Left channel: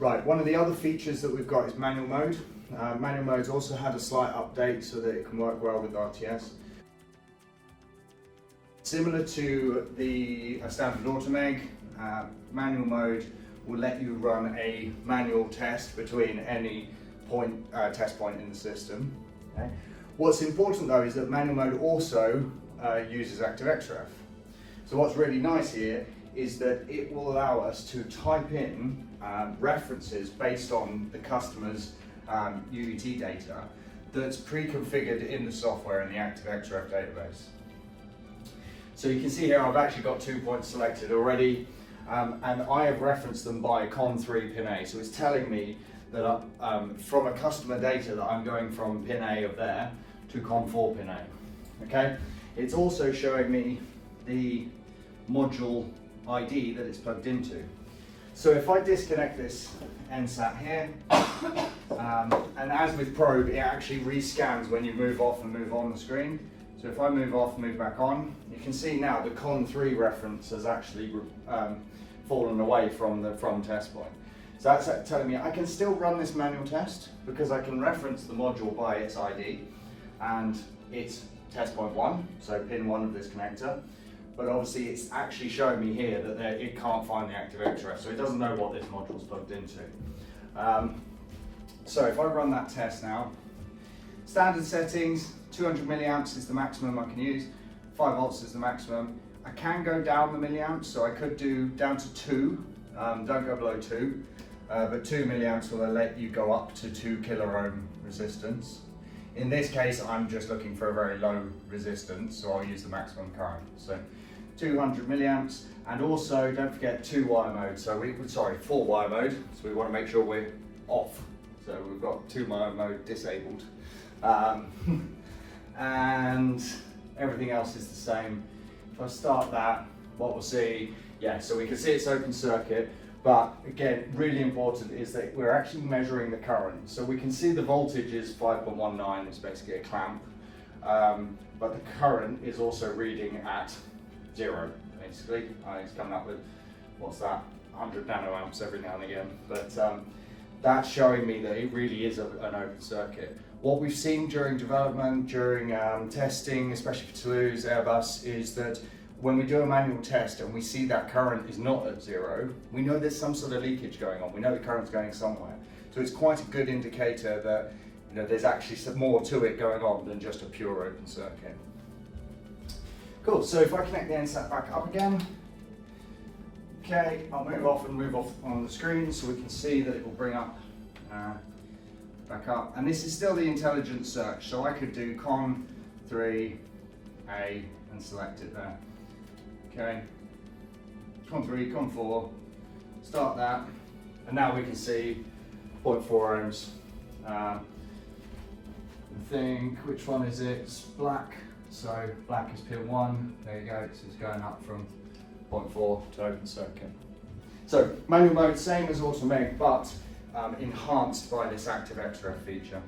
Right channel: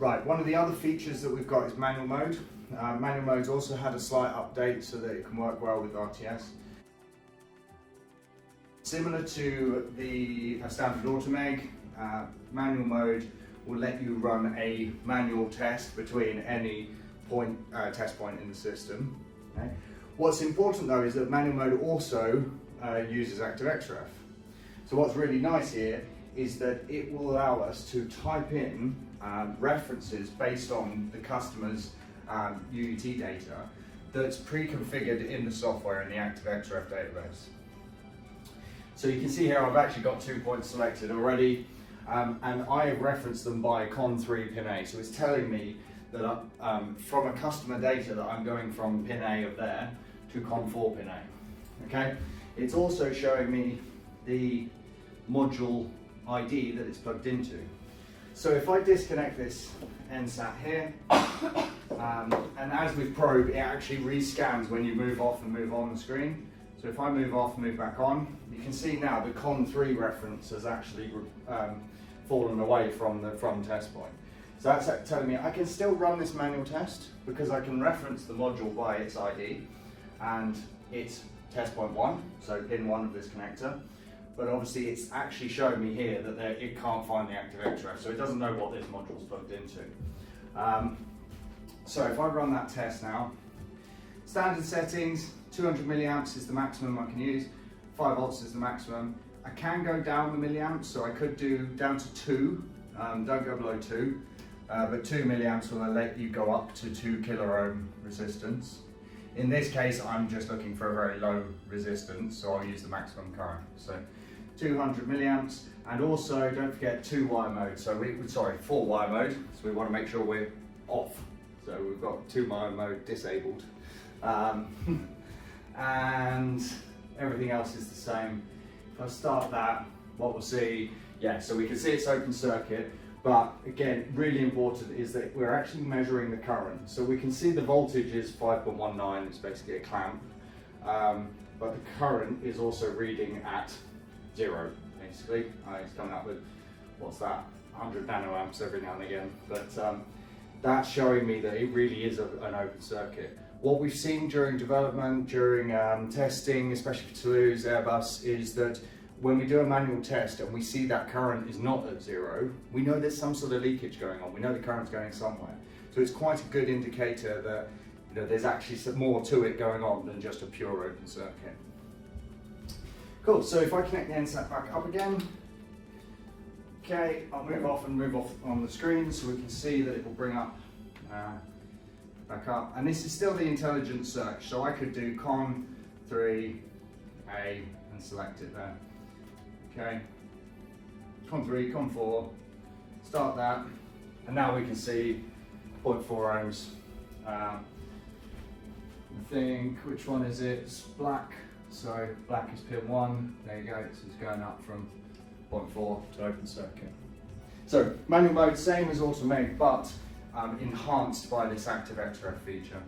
Right, one of the other features that we've got is manual mode. Manual mode's also had a slight update so that it can work well with RTS. Similar to the standard automeg, manual mode will let you run a manual test between any test point in the system. Okay? What's important though is that manual mode also uses ActiveXref. So what's really nice here is that it will allow us to type in references based on the customer's UUT data that's pre-configured in the software in the ActiveXref database. So you can see here I've actually got 2 points selected already, and I have referenced them by con3 pin A. So it's telling me that from a customer data that I'm going from pin A of there to con4 pin A. Okay? It's also showing me the module ID that it's plugged into. So if I disconnect this NSAT here, and as with probe, it actually rescans when you move off and move on the screen. So if I move off and move back on, you can see now the con3 reference has actually fallen away from the test point. So that's telling me I can still run this manual test because I can reference the module by its ID, and it's test point 1, so pin 1 of this connector. But obviously it's actually showing me here that it can't find the ActiveXref, so it doesn't know what this module is plugged into. So if I run that test now, standard settings, 200 milliamps is the maximum I can use, 5 volts is the maximum. I can go down the milliamps, so I could do down to 2, don't go below 2, but 2 milliamps will let you go up to 2 kilo ohm resistance. In this case, I'm just looking for a very low resistance, so I'll use the maximum current. So 200 milliamps, and also don't forget 2-wire mode. So 4-wire mode. So we want to make sure we're off. So we've got 2-wire mode disabled, and everything else is the same. If I start that, what we'll see, so we can see it's open circuit. But again, really important is that we're actually measuring the current. So we can see the voltage is 5.19, it's basically a clamp. But the current is also reading at 0, basically. It's coming up with, what's that, 100 nanoamps every now and again. But that's showing me that it really is an open circuit. What we've seen during development, during testing, especially for Toulouse, Airbus, is that when we do a manual test and we see that current is not at 0, we know there's some sort of leakage going on. We know the current's going somewhere. So it's quite a good indicator that there's actually some more to it going on than just a pure open circuit. Cool, so if I connect the NSAT back up again, okay, I'll move off on the screen so we can see that it will bring up, back up. And this is still the intelligent search, so I could do con3 A and select it there. Okay, con3, con4, start that, and now we can see 0.4 ohms. I think, which one is it? It's black, so black is pin 1, there you go, so it's going up from 0.4 to open circuit. So manual mode, same as automeg, but enhanced by this ActiveXref feature.